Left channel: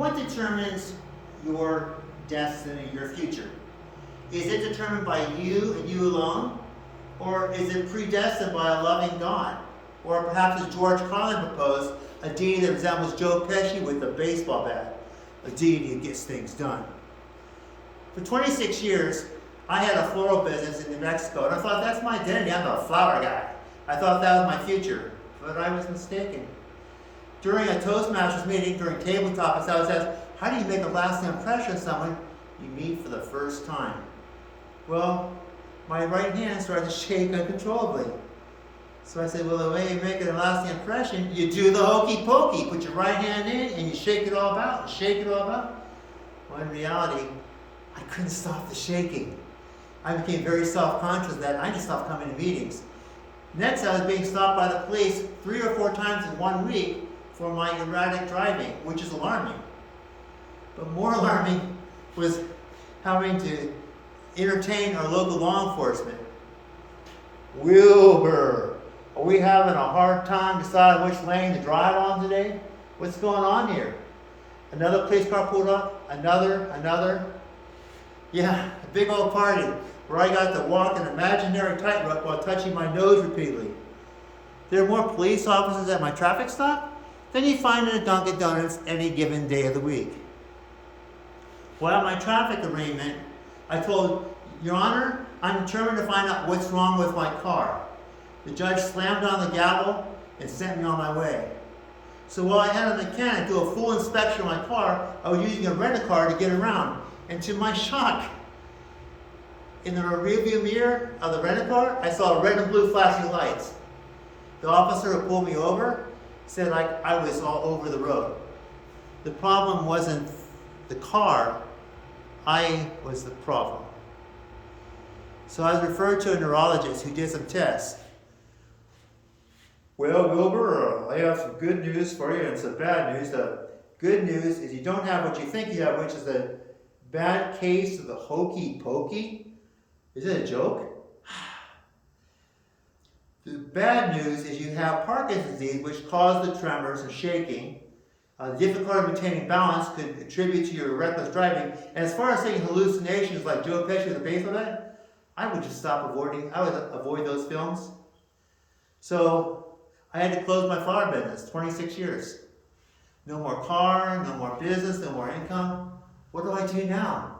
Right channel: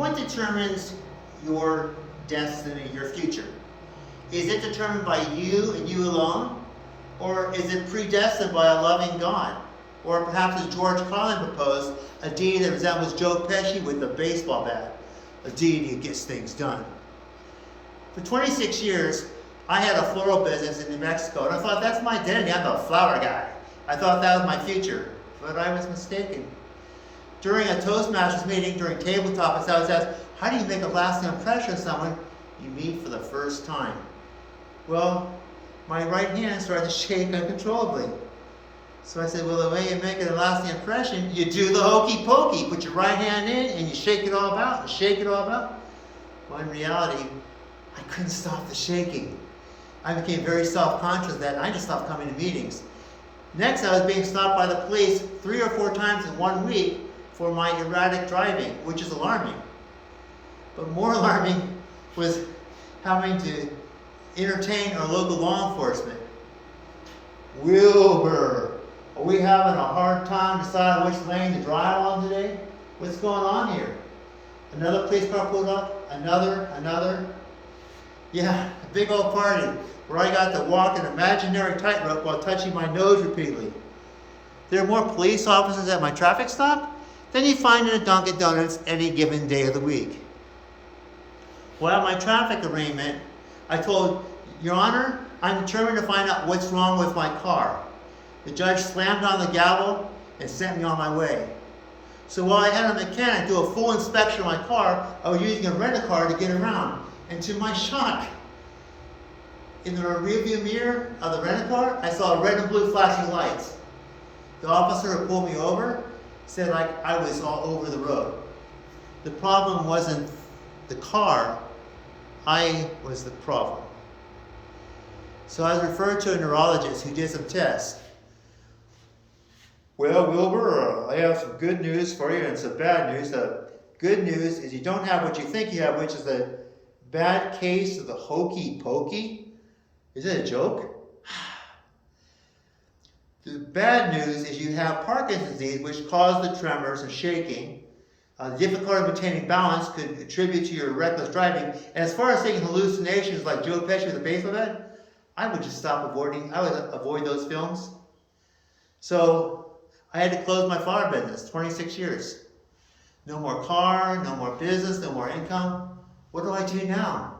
What determines your destiny, your future? Is it determined by you and you alone? Or is it predestined by a loving God? Or perhaps, as George Carlin proposed, a deity that resembles Joe Pesci with a baseball bat, a deity who gets things done. For 26 years, I had a floral business in New Mexico, and I thought that's my identity. I'm the flower guy. I thought that was my future, but I was mistaken. During a Toastmasters meeting, during tabletop, I was asked, how do you make a lasting impression on someone you meet for the first time? Well, my right hand started to shake uncontrollably. So I said, well, the way you make a lasting impression, you do the hokey pokey. Put your right hand in and you shake it all about, and shake it all about. Well, in reality, I couldn't stop the shaking. I became very self-conscious of that, and I just stopped coming to meetings. Next, I was being stopped by the police 3 or 4 times in 1 week for my erratic driving, which is alarming. But more alarming was having to entertain our local law enforcement. Wilbur, are we having a hard time deciding which lane to drive on today? What's going on here? Another police car pulled up, another. Yeah, a big old party where I got to walk an imaginary tightrope while touching my nose repeatedly. There are more police officers at my traffic stop than you find in a Dunkin' Donuts any given day of the week. Well, at my traffic arraignment, I told, Your Honor, I'm determined to find out what's wrong with my car. The judge slammed on the gavel and sent me on my way. So while I had a mechanic do a full inspection of my car, I was using a rent-a-car to get around. And to my shock, in the rearview mirror of the rent-a-car, I saw red and blue flashing lights. The officer who pulled me over said I was all over the road. The problem wasn't the car, I was the problem. So I was referred to a neurologist who did some tests. Well, Wilbur, I have some good news for you and some bad news. The good news is you don't have what you think you have, which is a bad case of the hokey pokey. Is it a joke? The bad news is you have Parkinson's disease, which caused the tremors and shaking. The difficulty of maintaining balance could attribute to your reckless driving. And as far as saying hallucinations like Joe Pesci with a baseball bat, I would just I would avoid those films. So I had to close my flower business, 26 years. No more car, no more business, no more income. What do I do now?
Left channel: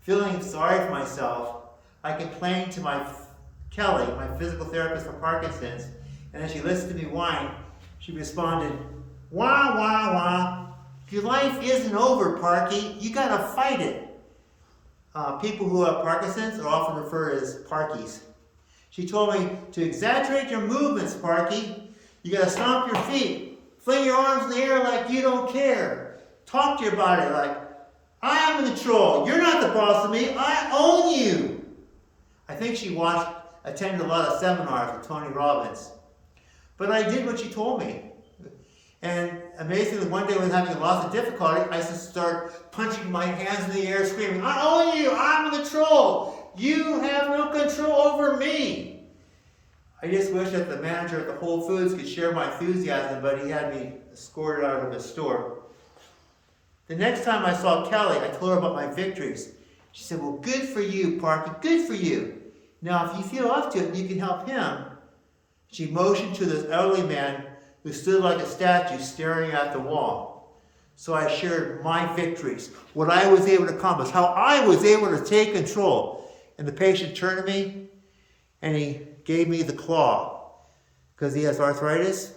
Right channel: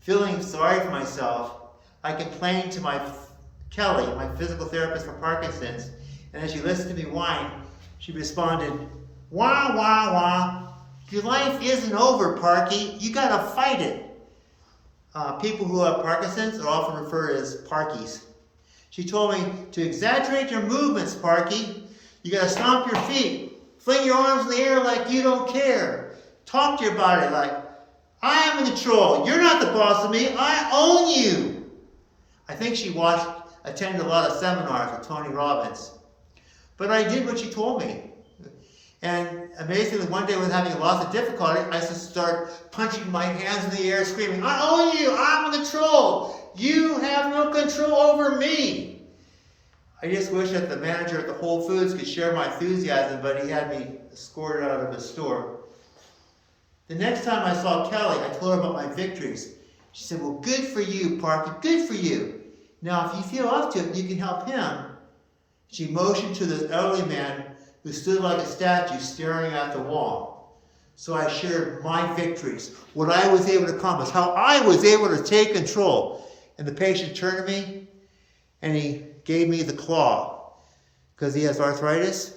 Feeling sorry for myself, I complained to Kelly, my physical therapist for Parkinson's, and as she listened to me whine, she responded, wah, wah, wah. Your life isn't over, Parky. You gotta fight it. People who have Parkinson's are often referred as Parkies. She told me to exaggerate your movements, Parky. You gotta stomp your feet, fling your arms in the air like you don't care. Talk to your body like, I am in control. You're not the boss of me. I own you. I think she attended a lot of seminars with Tony Robbins. But I did what she told me. And amazingly, one day when having lots of difficulty, I just start punching my hands in the air, screaming, I own you. I'm in control. You have no control over me. I just wish that the manager at the Whole Foods could share my enthusiasm, but he had me escorted out of his store. The next time I saw Kelly, I told her about my victories. She said, well, good for you, Parky, good for you. Now, if you feel up to it, you can help him. She motioned to this elderly man who stood like a statue staring at the wall. So I shared my victories, what I was able to accomplish, how I was able to take control. And the patient turned to me and he gave me the claw because he has arthritis.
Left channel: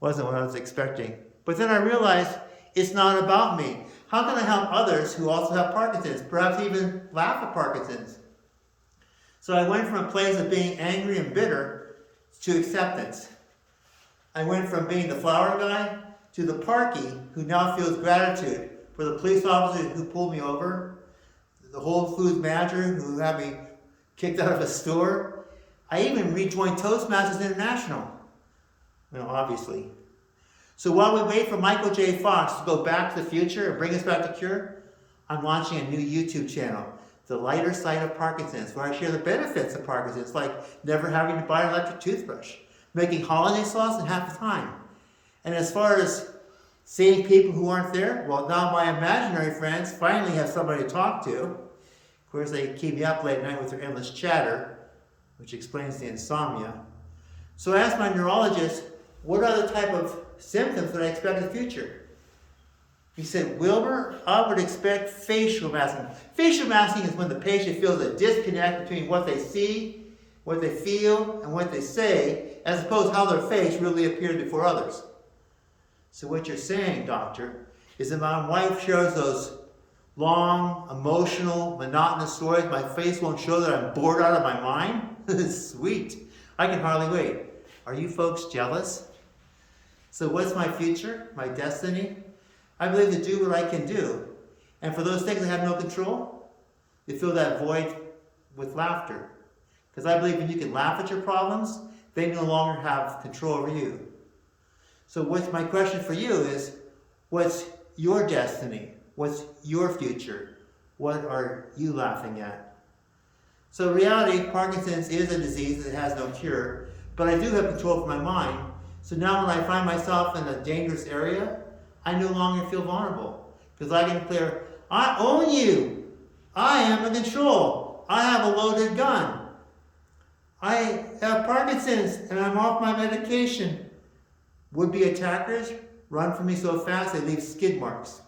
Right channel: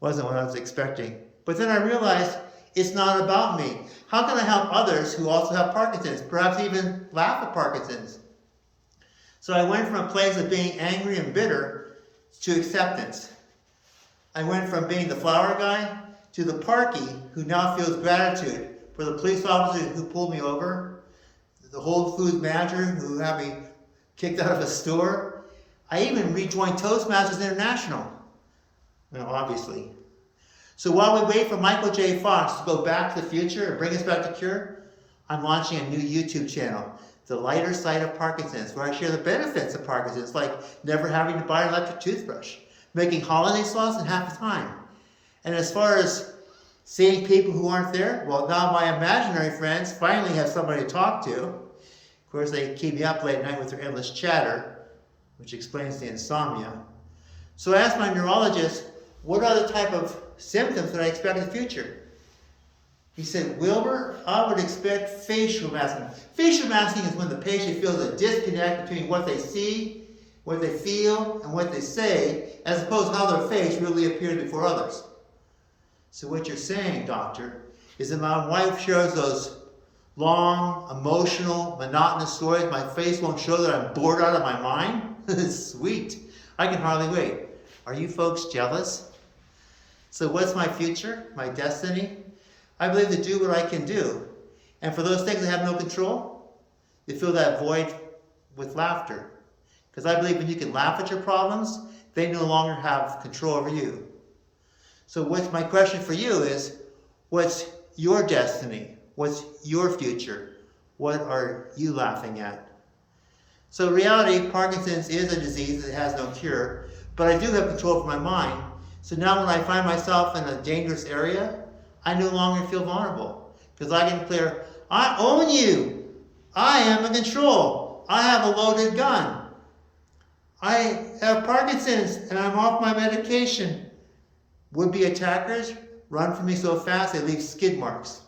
Wasn't what I was expecting. But then I realized it's not about me. How can I help others who also have Parkinson's, perhaps even laugh at Parkinson's? So I went from a place of being angry and bitter to acceptance. I went from being the flower guy to the Parky who now feels gratitude for the police officer who pulled me over, the Whole Foods manager who had me kicked out of a store. I even rejoined Toastmasters International, obviously. So while we wait for Michael J. Fox to go back to the future and bring us back to cure, I'm launching a new YouTube channel, The Lighter Side of Parkinson's, where I share the benefits of Parkinson's, like never having to buy an electric toothbrush, making holiday sauce in half the time. And as far as Seeing people who aren't there? Well, now my imaginary friends finally have somebody to talk to. Of course, they keep me up late at night with their endless chatter, which explains the insomnia. So I asked my neurologist, what are the type of symptoms that I expect in the future? He said, Wilbur, I would expect facial masking. Facial masking is when the patient feels a disconnect between what they see, what they feel, and what they say, as opposed to how their face really appears before others. So what you're saying, doctor, is that my wife shares those long, emotional, monotonous stories. My face won't show that I'm bored out of my mind. Sweet. I can hardly wait. Are you folks jealous? So what's my future, my destiny? I believe to do what I can do. And for those things I have no control, to fill that void with laughter. Because I believe when you can laugh at your problems, they no longer have control over you. So what's my question for you is, what's your destiny? What's your future? What are you laughing at? So in reality, Parkinson's is a disease that has no cure, but I do have control over my mind. So now when I find myself in a dangerous area, I no longer feel vulnerable. Because I can declare, I own you. I am in control. I have a loaded gun. I have Parkinson's and I'm off my medication. Would-be attackers run from me so fast they leave skid marks.